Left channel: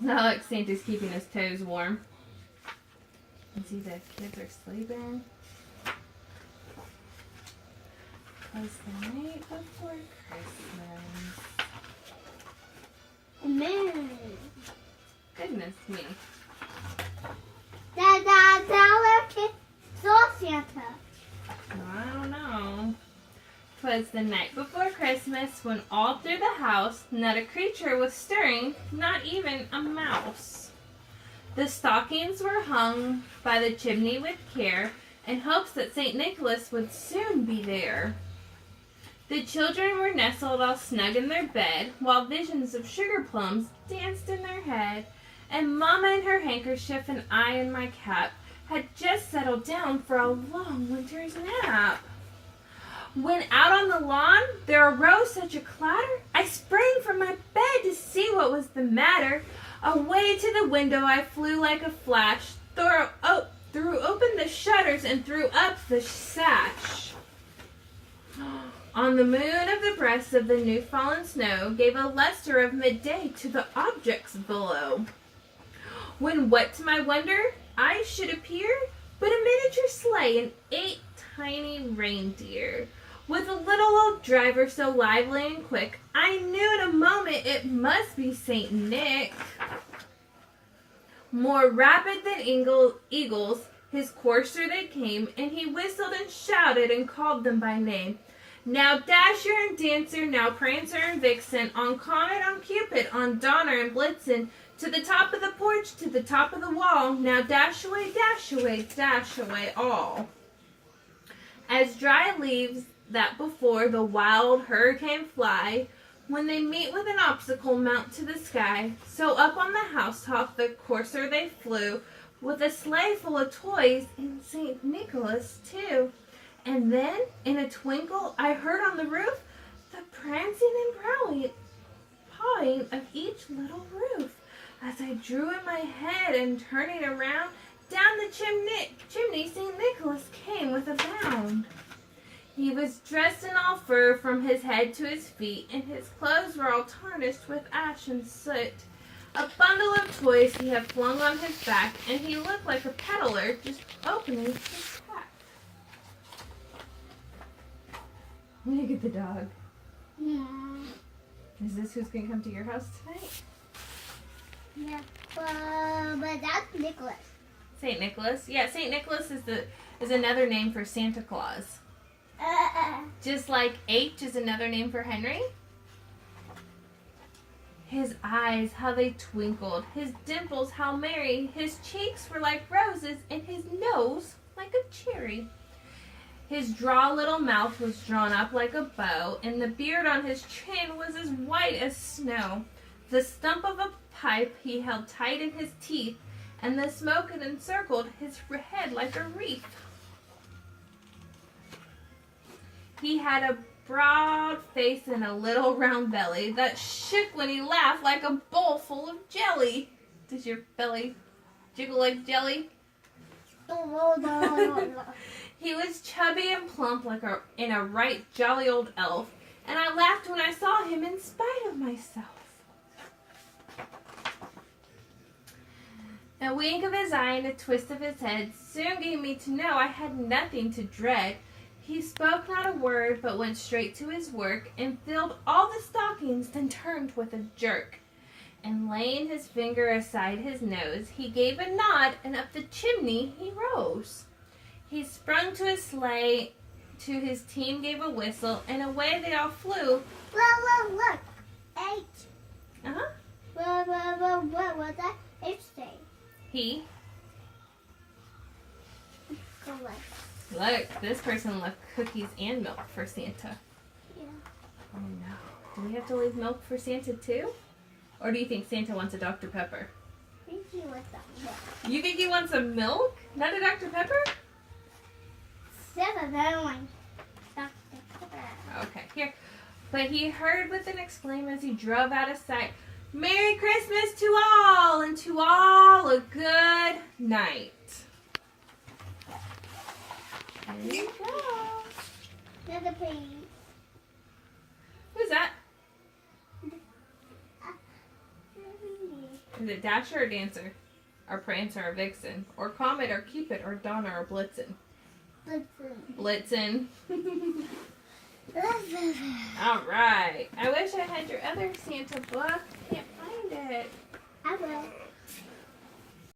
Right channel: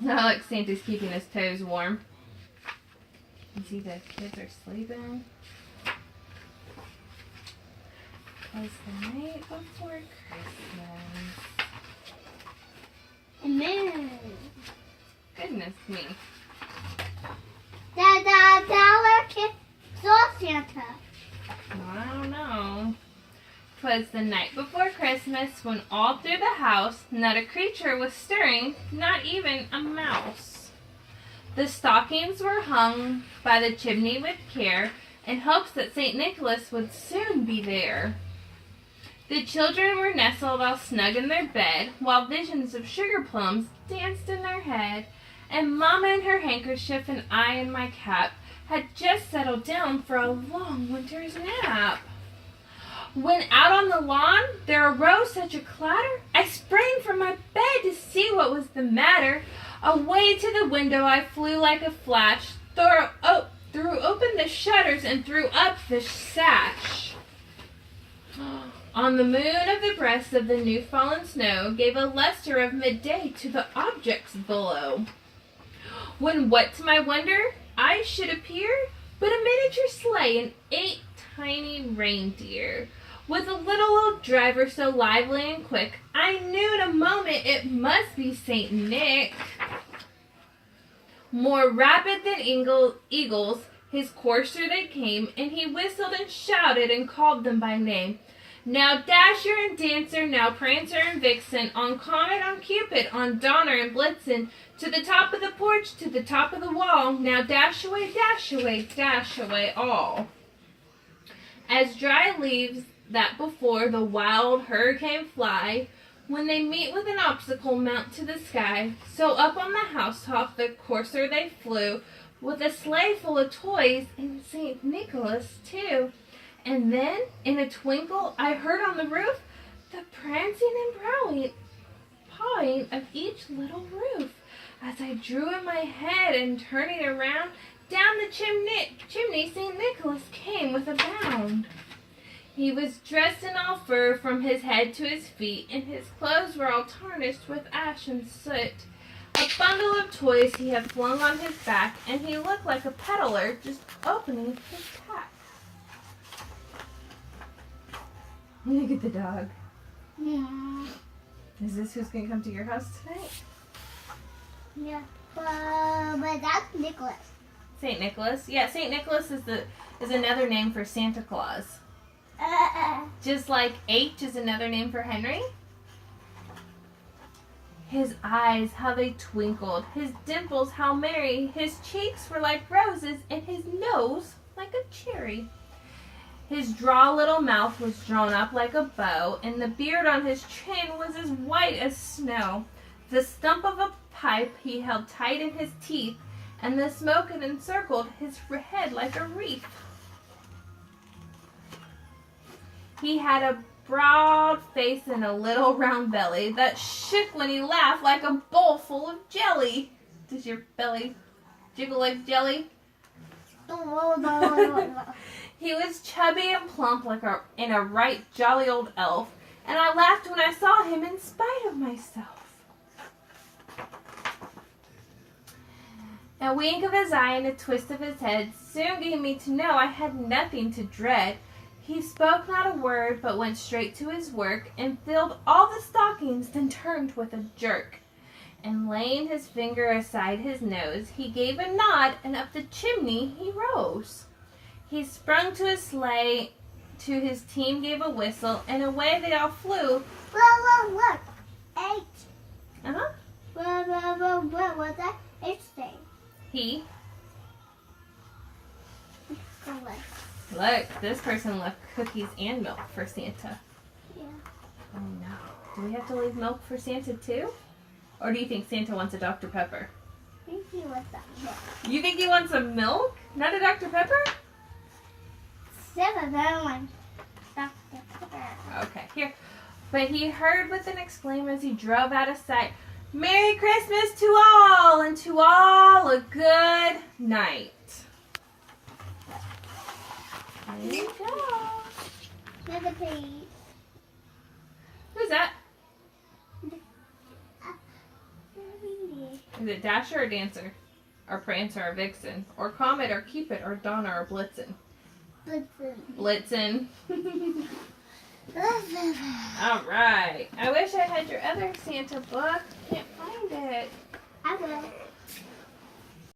Oh, look, Santa's keeping his toes warm. You see the kids are sleeping. It's the night before Christmas. Amen. Goodness me. The kid saw Santa. I don't know. 'Twas the night before Christmas when all through the house not a creature was stirring, not even a mouse. The stockings were hung by the chimney with care in hopes that St. Nicholas would soon be there. The children were nestled all snug in their bed while visions of sugar plums danced in their head, and Mama in her handkerchief and I in my cap had just settled down for a long winter's nap. When out on the lawn there arose such a clatter, I sprang from my bed to see what was the matter. Away to the window I flew like a flash, threw open the shutters and threw up the sash. On the moon of the breast of the new fallen snow gave a luster of midday to the objects below. When what to my wonder I should appear but a miniature sleigh and 8 tiny reindeer. With a little old driver so lively and quick, I knew in a moment it must be Saint Nick. More rapid than eagles, his courser they came, and he whistled and shouted and called them by name. Now Dasher and Dancer, now Prancer and Vixen, on Comet, on Cupid, on Donner and Blitzen, to the top of the porch, to the top of the wall, now dash away, all. As dry leaves that before the wild hurricane fly, when they meet with an obstacle mount to the sky, so up on the housetop the courser they flew, with a sleigh full of toys, and St. Nicholas too. And then, in a twinkle, I heard on the roof the prancing and pawing of each little roof. As I drew in my head and turning around, down the chimney St. Nicholas came with a bound. He was dressed in all fur from his head to his feet, and his clothes were all tarnished with ash and soot. A bundle of toys he had flung on his back, and he looked like a peddler just opening his pack. Look at the dog. Yeah. Is this who's going to come to your house tonight? Yeah. But that's Nicholas. St. Nicholas? Yeah, St. Nicholas is another name for Santa Claus. Just like H is another name for Henry. His eyes, how they twinkled. His dimples, how merry. His cheeks were like roses, and his nose like a cherry. His draw little mouth was drawn up like a bow, and the beard on his chin was as white as snow. The stump of a pipe he held tight in his teeth, and the smoke had encircled his head like a wreath. He had a broad face and a little round belly that shook when he laughed like a bowl full of jelly. Does your belly jiggle like jelly? He was chubby and plump like a right jolly old elf, and I laughed when I saw him in spite of myself. A wink of his eye and a twist of his head soon gave me to know I had nothing to dread. He spoke not a word, but went straight to his work, and filled all the stockings, then turned with a jerk. And laying his finger aside his nose, he gave a nod, and up the chimney he rose. He sprung to his sleigh, to his team gave a whistle, and away they all flew. Look. H. Uh-huh. What was that? H thing. He. What? Look, this person left cookies and milk for Santa. Yeah. Oh no. Do we have to leave milk for Santa too? Or do you think Santa wants a Dr. Pepper? I think he wants some milk. You think he wants some milk? Not a Dr. Pepper? Seven, I want Dr. Pepper. Okay, here. But he heard with an exclaim as he drove out of sight, Merry Christmas to all, and to all a good night. There you go. Another page. Who's that? Is it Dasher or Dancer? Or Prancer or Vixen? Or Comet or Cupid or Donner or Blitzen? Listen. Blitzen. All right. I wish I had your other Santa book. Can't find it. I will.